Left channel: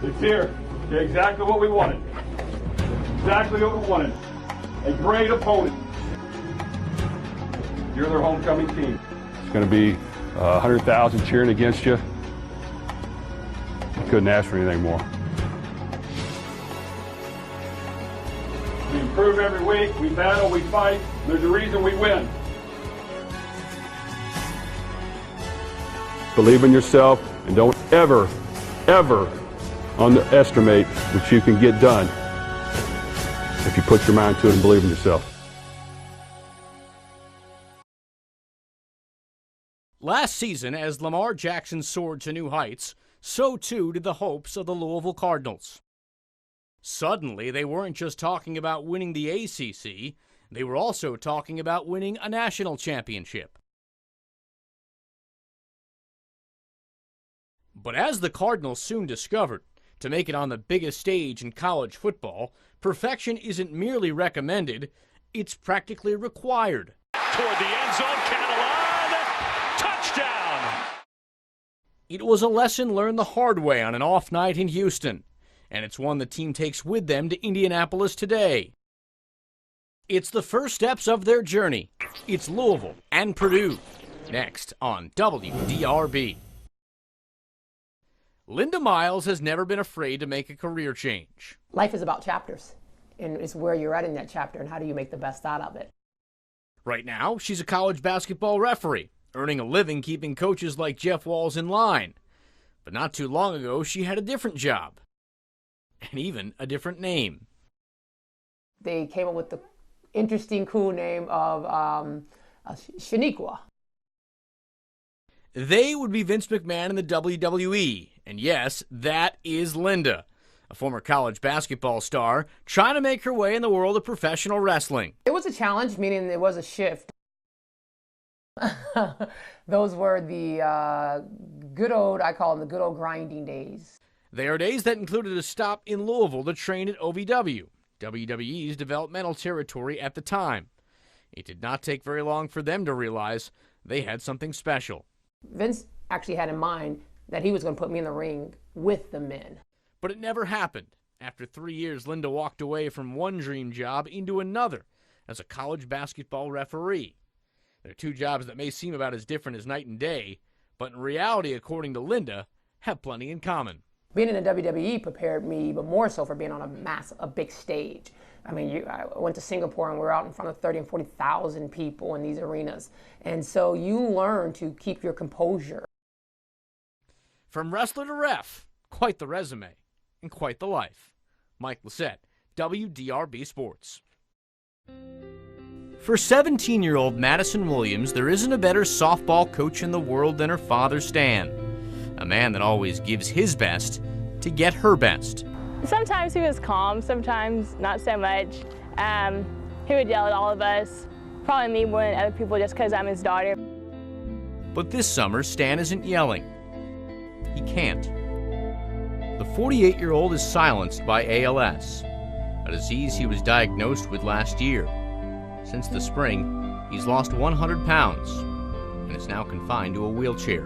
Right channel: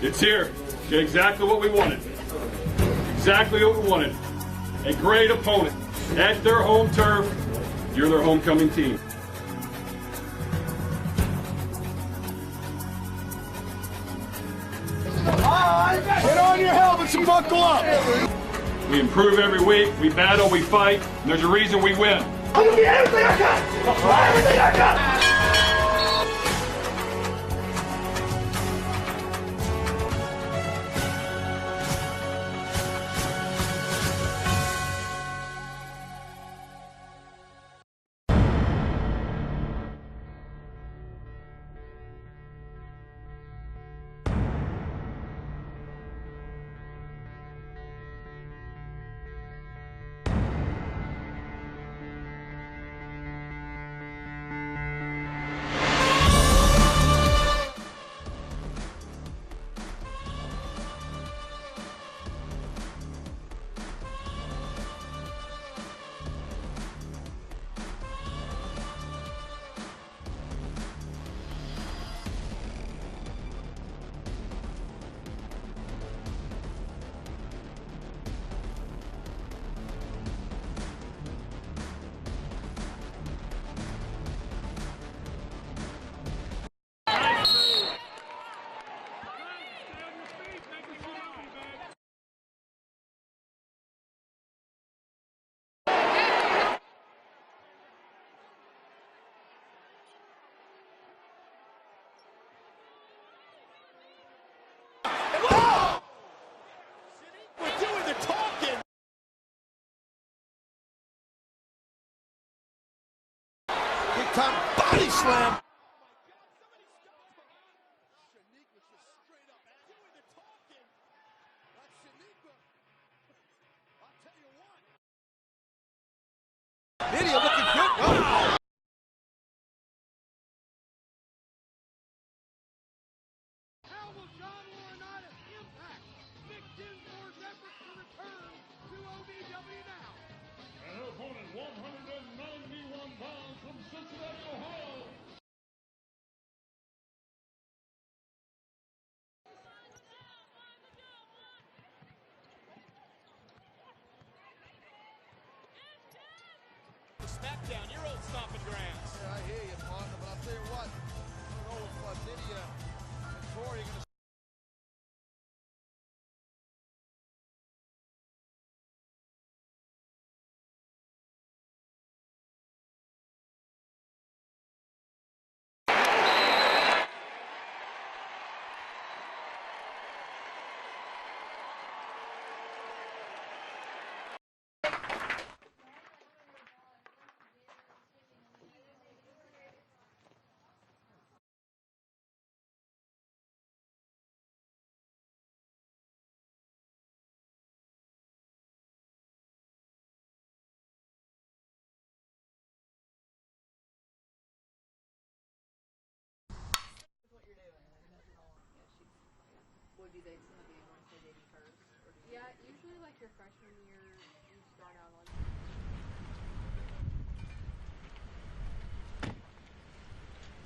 It's here. Okay, exactly what we wanted. Exactly what we wanted. A great opponent at their home turf. You're their homecoming team. It's going to be 100,000 cheering against you. Couldn't ask for anything more. Get on your helmets and buckle up. We improve every week. We battle, we fight. There's a reason we win. I'm going to get everything I got. Everything I got. Believe in yourself and don't ever, ever underestimate what you can get done if you put your mind to it and believe in yourself. Last season, as Lamar Jackson soared to new heights, so too did the hopes of the Louisville Cardinals. Suddenly, they weren't just talking about winning the ACC, they were also talking about winning a national championship. But as the Cardinals soon discovered, to make it on the biggest stage in college football, perfection isn't merely recommended, it's practically required. Toward the end zone, Catalan, touchdown! It was a lesson learned the hard way on an off night in Houston, and it's one the team takes with them to Indianapolis today. It's the first steps of their journey. It's Louisville and Purdue, next on WDRB. Linda Miles has never been afraid to make a career change. Life is about chapters, and it's where you're at in that chapter and how do you make the best out of it. Right now, she's a college basketball referee, earning a living keeping coaches like Jeff Walz in line. But not too long ago, she had a different job, and even a different name. They came up with the interesting, cool name of Shaniqua. Body slam. They would be Vince McMahon in the WWE. And yes, that is Linda, a former college basketball star trying to make her way in the world of professional wrestling. It was a challenge, meaning it was a shift. Lydia looking good. Oh. Those were the good old, I call them the good old grinding days. They are days that included a stop in Louisville to train at OVW, WWE's developmental territory at the time. It did not take very long for them to realize they had something special. Vince actually had in mind that he was going to put me in the ring with the men. But it never happened. After 3 years, Linda walked away from one dream job into another as a college basketball referee. They're two jobs that may seem about as different as night and day, but in reality, according to Linda, have plenty in common. Being in the WWE prepared me, but more so for being on a big stage. I mean, I went to Singapore and we were out in front of 30 and 40,000 people in these arenas. And so you learn to keep your composure. From wrestler to ref, quite the resume and quite the life. Mike Lacett, WDRB Sports. For 17-year-old Madison Williams, there isn't a better softball coach in the world than her father, Stan. A man that always gives his best to get her best. Sometimes he was calm, sometimes not so much. He would yell at all of us, probably me more than other people just because I'm his daughter. But this summer, Stan isn't yelling. He can't. The 48-year-old is silenced by ALS, a disease he was diagnosed with last year. Since the spring, he's lost 100 pounds and is now confined to a wheelchair.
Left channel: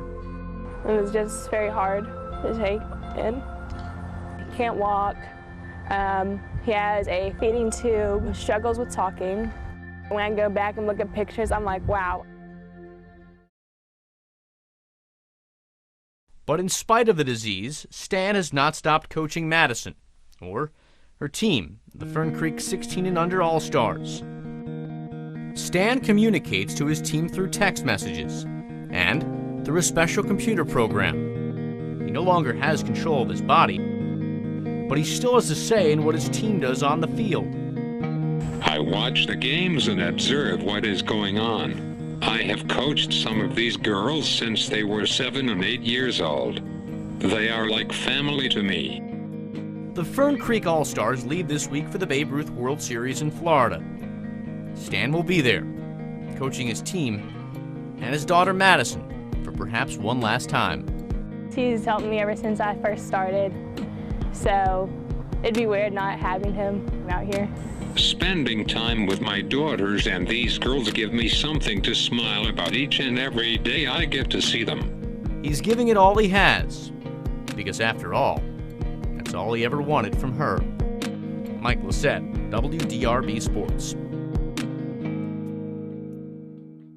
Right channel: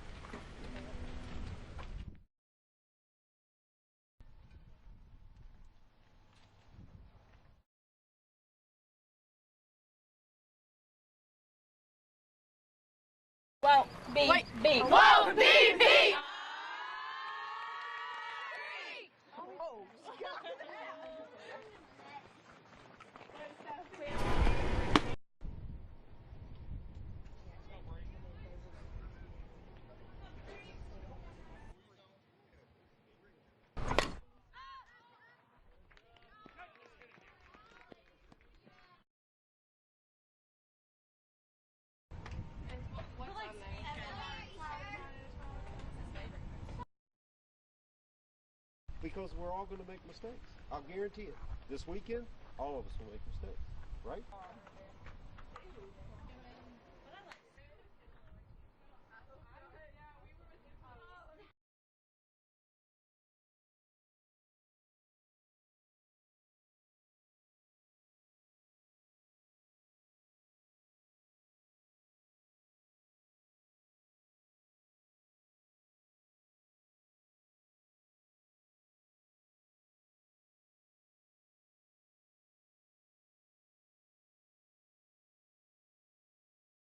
It was just very hard to take in. He can't walk. He has a feeding tube, struggles with talking. When I go back and look at pictures, I'm like, wow. Whoa, B. Whoa, B. But in spite of the disease, Stan has not stopped coaching Madison, or her team, the Fern Creek 16 and under All-Stars. Stan communicates to his team through text messages and through a special computer program. He no longer has control of his body, but he still has a say in what his team does on the field. I watch the games and observe what is going on. I have coached some of these girls since they were 7 and 8 years old. They are like family to me. The Fern Creek All-Stars leave this week for the Babe Ruth World Series in Florida. Stan will be there, coaching his team and his daughter Madison for perhaps one last time. He's helped me ever since I first started, so it'd be weird not having him out here. Spending time with my daughters and these girls give me something to smile about each and every day I get to see them. He's giving it all he has, because after all, that's That's all he ever wanted from her. Mike Lacett, WDRB Sports.